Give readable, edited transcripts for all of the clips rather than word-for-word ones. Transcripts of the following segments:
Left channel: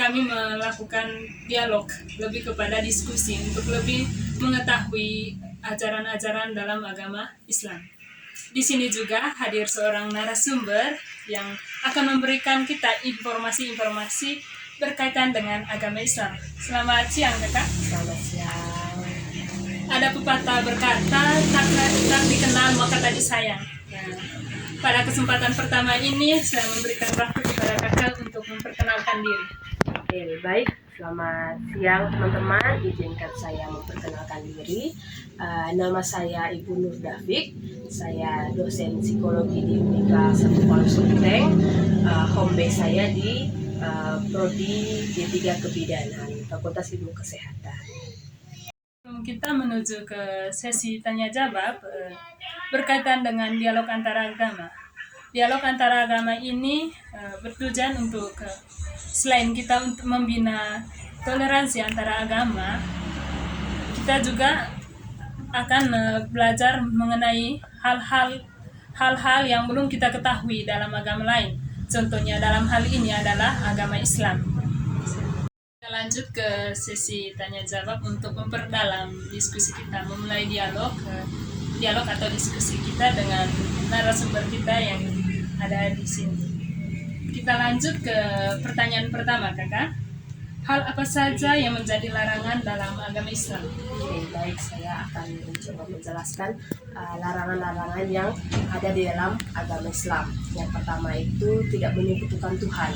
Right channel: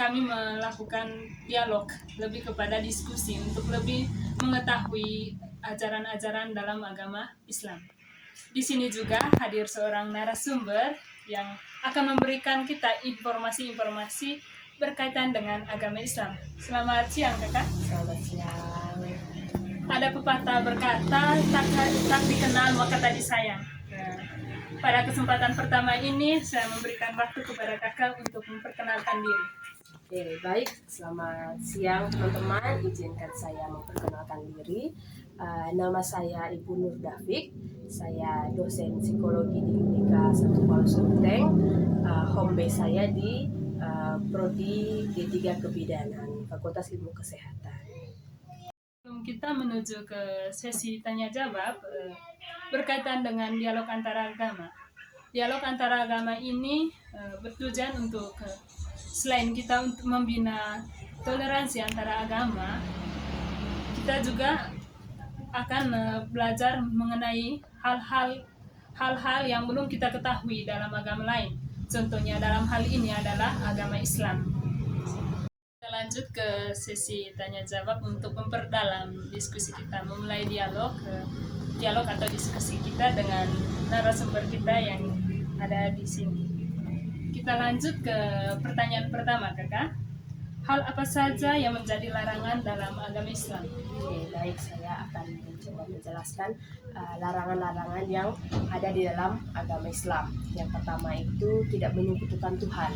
kami melakukan dialog, lebih kepada diskusi untuk lebih mengetahui ajaran-ajaran dalam agama Islam. Di sini juga hadir seorang narasumber yang akan memberikan kita informasi-informasi berkaitan dengan agama Islam. Selamat siang, Kakak. Selamat siang. Ada pepatah berkata, tak dikenal maka tak disayang. Nah, pada kesempatan pertama ini, saya memberikan waktu kepada Kakak untuk memperkenalkan diri. Oke, baik. Selamat siang teman-teman. Izinkan saya memperkenalkan diri. Nama saya Ibu Nur Dafiq. Saya dosen psikologi di Unika 1 Kuala Sumedang. Home base saya di Prodi D3 Kebidanan, Fakultas Ilmu Kesehatan. Kita menuju ke sesi tanya jawab berkaitan dengan dialog antara agama. Dialog antara agama ini bertujuan untuk selain kita untuk membina toleransi antara agama, kita juga akan belajar mengenai hal-hal yang belum kita ketahui dalam agama lain. Contohnya dalam hal ini adalah agama Islam. Kita lanjut ke sesi tanya jawab untuk memperdalam diskusi kita, memulai dialog atau diskusi kita dengan narasumber kita yang ada di sini. Kita lanjut ke pertanyaan pertama, Kakak. Hal apa saja yang menjadi larangan dalam agama Islam? Oke, baik. Saya akan mencoba menjelaskan larangan-larangan yang ada di dalam agama Islam. Yang pertama itu tidak menyekutukan Tuhan,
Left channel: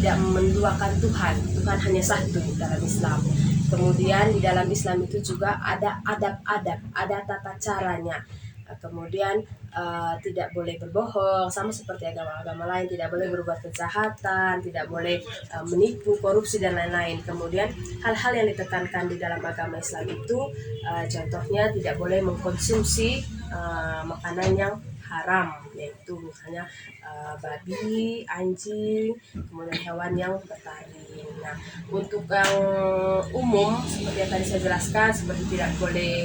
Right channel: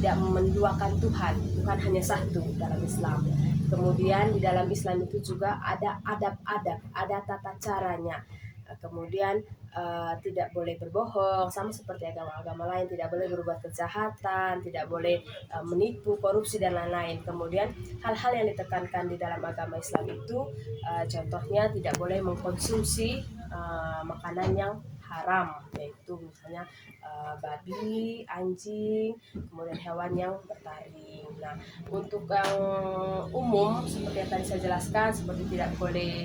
tidak menduakan Tuhan. Tuhan hanya satu dalam Islam. Kemudian di dalam Islam itu juga ada adab-adab, ada tata caranya. Kemudian tidak boleh berbohong, sama seperti agama-agama lain, tidak boleh berbuat kejahatan, tidak boleh menipu, korupsi dan lain-lain. Kemudian hal-hal yang ditekankan di dalam agama Islam itu contohnya tidak boleh mengkonsumsi makanan yang haram, yaitu misalnya babi, anjing, kemudian hewan yang bertaring. Nah, untuk yang umum seperti yang tadi saya jelaskan, seperti tidak boleh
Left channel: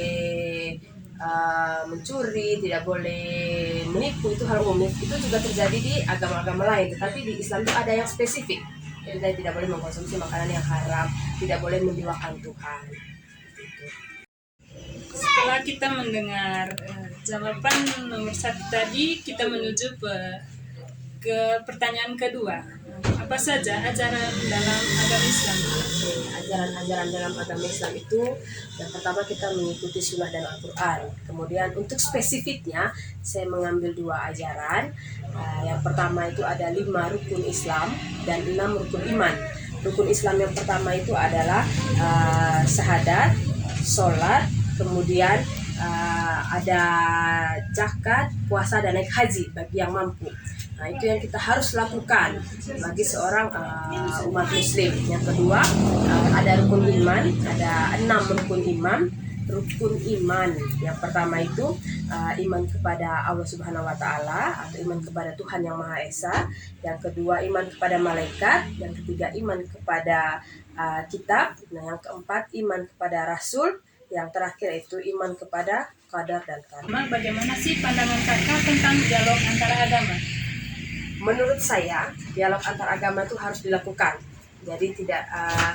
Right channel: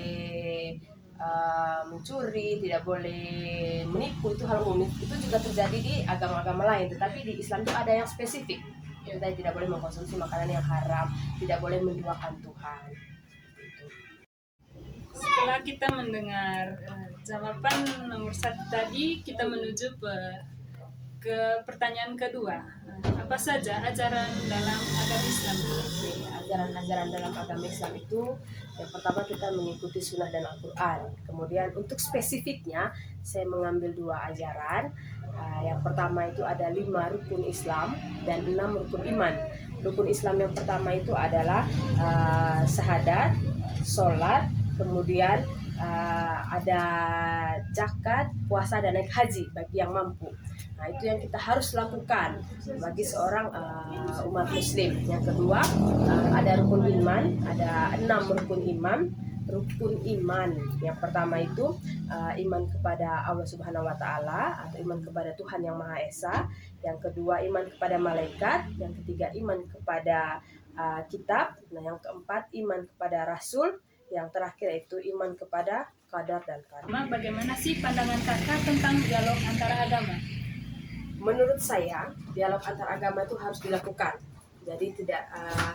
mencuri, tidak boleh menipu, itu hal umum. Itu juga terjadi di agama-agama lain, tetapi di Islam itu ada yang spesifik. Jadi tadi tidak boleh mengkonsumsi makanan yang haram, tidak boleh menduakan Tuhan. Setelah kita mendengar jawaban nomor 1 tadi, kita menuju ke pertanyaan kedua. Apa saja ajaran dalam agama Islam? Ajaran-ajaran dalam agama Islam itu yang pertama kita mengikuti sunnah dan Al-Quran. Kemudian untuk spesifiknya saya mengambil 2 ajaran. Yang pertama itu ada 5 rukun Islam dan 6 rukun iman. Rukun Islam yang pertama itu adalah syahadat, sholat, kemudian ada zakat, puasa dan naik haji bagi yang mampu. Nah, itu yang kita harus lakukan bagi seorang umat muslim. Yang kedua ada rukun iman, ada 6 rukun iman. Rukun iman yang pertama itu iman kepada Allah Subhanahu wa Ta'ala atau iman kepada Tuhan yang Maha Esa. Yang kedua iman kepada malaikat. Yang ketiga iman kepada kitab. Nah, yang keempat iman kepada rasul. Yang terakhir itu iman kepada qadar dan karma. Bagaimana sih pandangan Kakak tentang dialog antara agama? Menurut saya, dialog antar agama itu harus dilakukan. Jadi tidak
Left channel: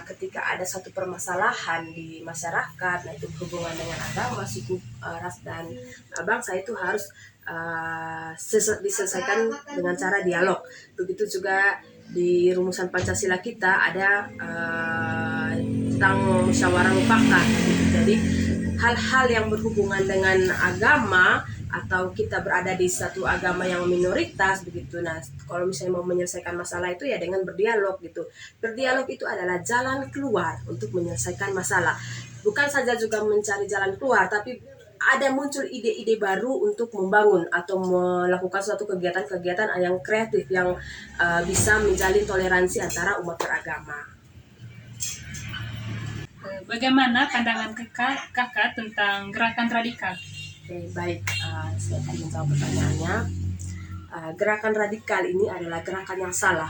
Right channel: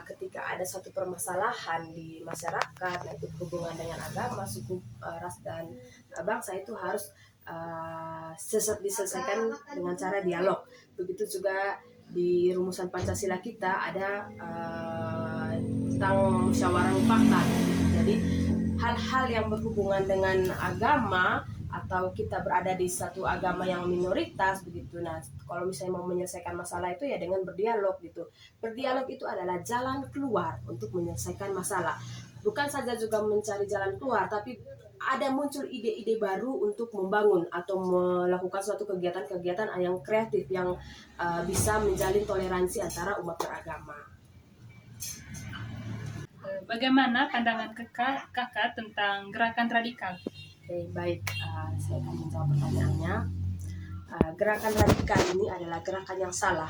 ketika ada satu permasalahan di masyarakat, nah itu hubungan dengan agama, suku, ras dan bangsa, itu harus diselesaikan dengan cara dialog. Begitu juga di rumusan Pancasila kita ada tentang musyawarah mufakat. Jadi hal-hal yang berhubungan dengan agama atau kita berada di satu agama yang minoritas begitu. Nah, kalau misalnya mau menyelesaikan masalah itu ya dengan berdialog gitu. Berdialog itu adalah jalan keluar untuk menyelesaikan masalah. Bukan saja juga mencari jalan keluar, tapi ada muncul ide-ide baru untuk membangun atau melakukan suatu kegiatan-kegiatan yang kreatif yang bisa menjalin toleransi antara umat beragama. Bagaimana pandangan kakak tentang gerakan radikal? Oke, baik, saya akan menjawab pertanyaannya. Gerakan radikal ini adalah gerakan yang salah,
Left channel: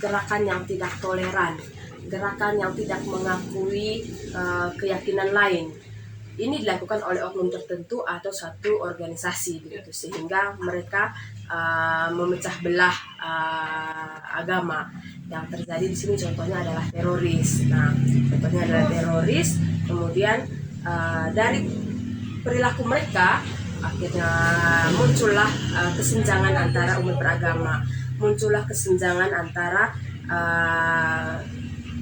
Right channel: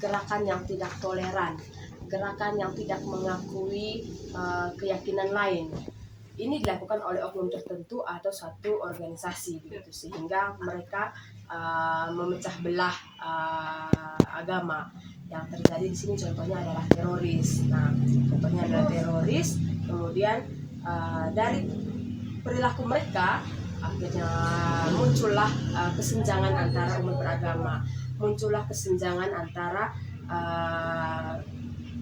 gerakan yang tidak toleran, gerakan yang tidak mengakui keyakinan lain. Ini dilakukan oleh oknum tertentu atau satu organisasi begitu, sehingga mereka memecah belah agama. yang terjadi di sini contohnya adalah teroris. Nah, contohnya adalah teroris. Kemudian dari perilaku mereka akhirnya muncullah kesenjangan antara umat beragama, muncullah kesenjangan antara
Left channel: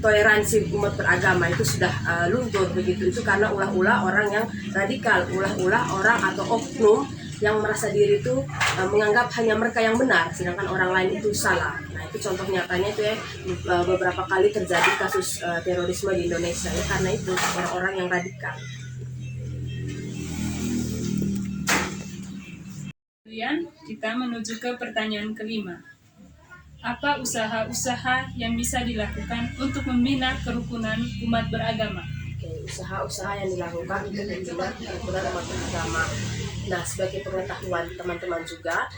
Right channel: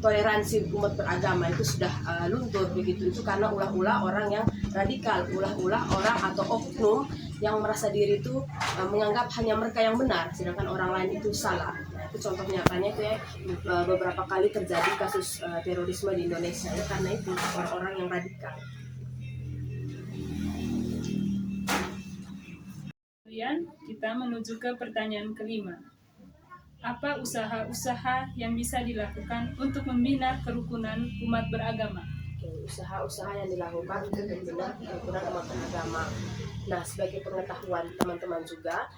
toleransi umat beragama itu sudah luntur begitu. Itu karena ulah-ulah orang yang radikal, ulah-ulah orang atau oknum yang merasa diri itu menganggap hanya mereka yang benar sedangkan orang lain itu salah. Nah, itu contoh nyatanya itu ya, beberapa kali terjadi kasus terorisme di Indonesia ya, karena itu orang-orang yang radikal. Kemudian kita menuju ke pertanyaan kelima. Apa usaha-usaha yang bisa dilakukan untuk membina kerukunan umat beragama? Oke, usaha-usaha yang dilakukan untuk membina kerukunan umat beragama. Nah, sebagai pengetahuan teman-teman juga,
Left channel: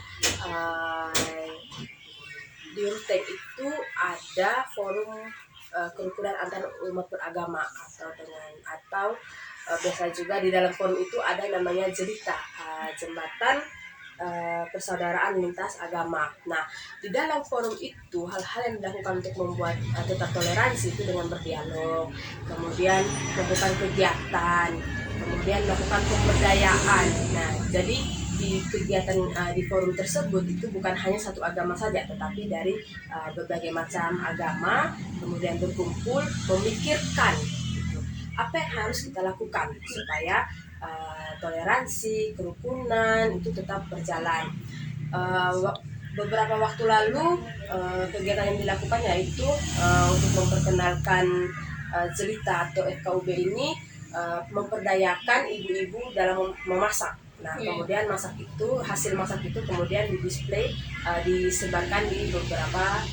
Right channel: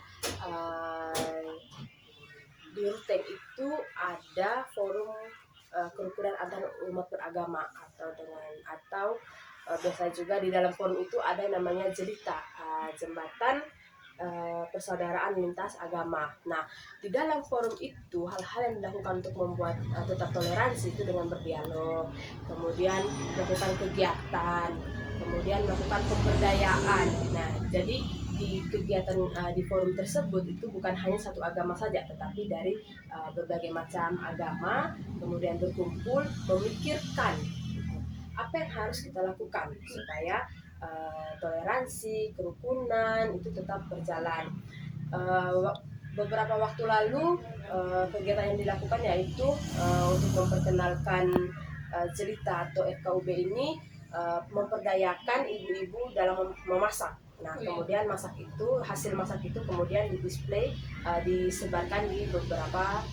di Rutek itu ada forum kerukunan antar umat beragama atau biasa juga di dalam forum itu ada namanya JELITA, jembatan persaudaraan lintas agama. Nah, di dalam forum itu hal-hal yang dilakukan untuk membuat tetap toleransi itu dengan berdialog, kemudian melakukan kegiatan, kemudian melakukan pemberdayaan. Nah, jadi di kegiatan di forum tersebut itu bukan hanya satu agama saja, tetapi dari berbagai macam agama kemudian berkumpul memikirkan gitu, apa yang harus kita lakukan supaya toleransi, kerukunan itu tetap berjalan. Beberapa waktu lalu kegiatan yang dilakukan yaitu untuk memperkenalkan JELITA atau FKUB ini memperdayakan ibu-ibu dalam memasak. Nah, kemudian hasil masak itu kemudian didisplay, disebarkan di beberapa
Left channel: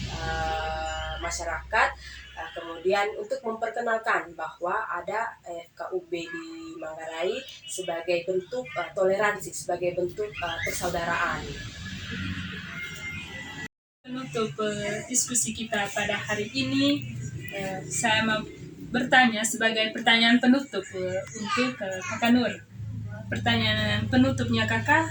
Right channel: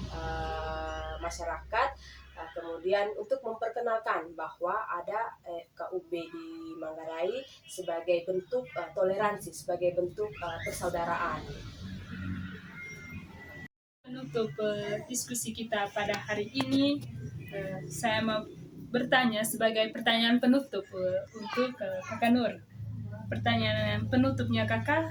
masyarakat. Kemudian untuk memperkenalkan bahwa ada FKUB di Manggarai sebagai bentuk toleransi, sebagai bentuk persaudaraan. Menutup diskusi kita pada hari ini, saya mau bertanya sebagai pertanyaan penutup untuk Kakak Nur. Pertanyaan penutupnya Kakak,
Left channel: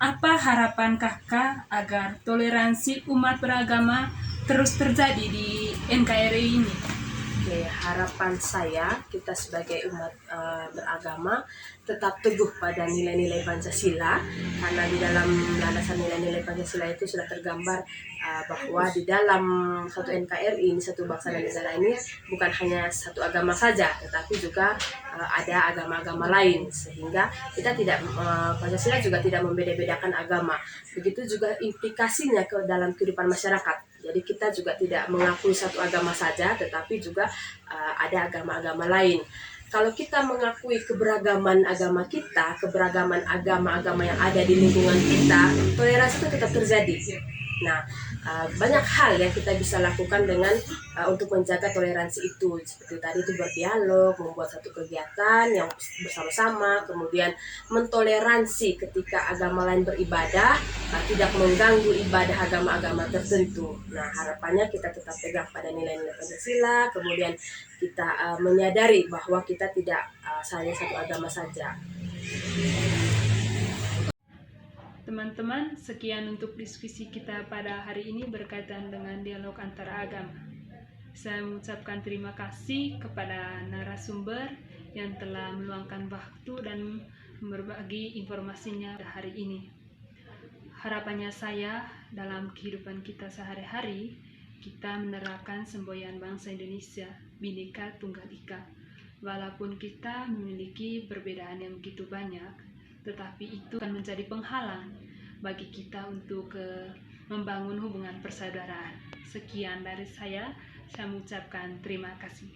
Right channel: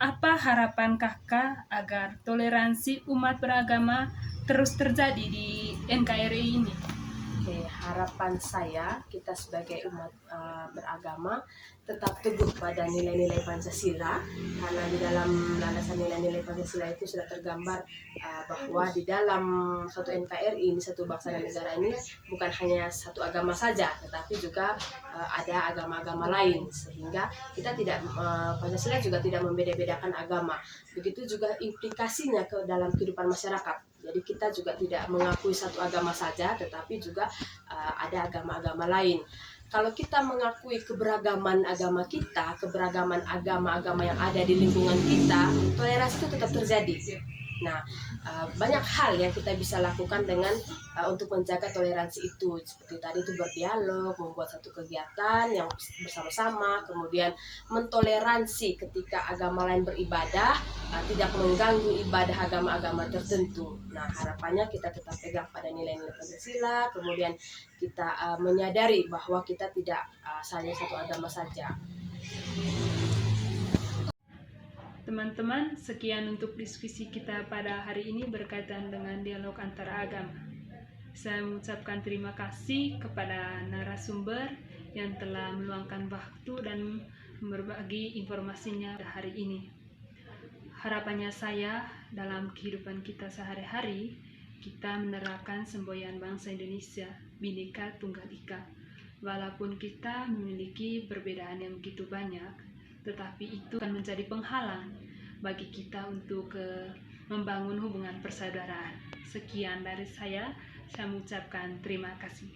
apa harapan Kakak agar toleransi umat beragama terus terjadi di NKRI ini? Oke, harapan saya kita sebagai umat beragama tetap teguh pada nilai-nilai Pancasila, karena di dalam landasan nilai-nilai Pancasila itu sudah tergambar bahwa di dalam satu NKRI ini, satu bangsa dan negara ini bukan hanya satu agama saja, tetapi juga ada agama-agama lain, sehingga kita tidak Pancasila juga tidak membeda-bedakan agama. Begitu juga implikasinya ke dalam kehidupan masyarakat. Jadi kita juga tidak mengakui satu agama saja, tetapi juga ada agama-agama lain. Kalau kita mengakui keberagaman agama kita, keberagaman agama-agama yang ada di lingkungan kita, toleransi itu tetap terjadi. Nah, banyak hal yang kita bisa lakukan dengan untuk menjaga toleransi itu. Seperti tadi itu berdialog, membuat satu kegiatan yang bersama-sama, kemudian mentoleransi ketika agama lain beribadah, tidak mengganggu ibadah agama-agama tertentu. Nah, harapannya kita tetap pegang pada nilai-nilai Pancasila, kemudian kita menyadari bahwa kita tidak hanya satu agama saja. Teman-teman, sekian untuk diskusi kita pada hari ini berkaitan dengan dialog antara agama. Saya mengucapkan terima kasih kepada narasumber yang telah meluangkan waktu dan berbagi informasinya hari ini. Harapannya saya dalam kehidupan kita sehari-hari, kita menerapkan semboyan bangsa Indonesia, Bhinneka Tunggal Ika. Walaupun kita memiliki perbedaan yang begitu banyak, tetapi itu akan menjadi penghalang bagi kita untuk membangun hubungan persaudaraan. Sekian dari saya mengucapkan terima kasih.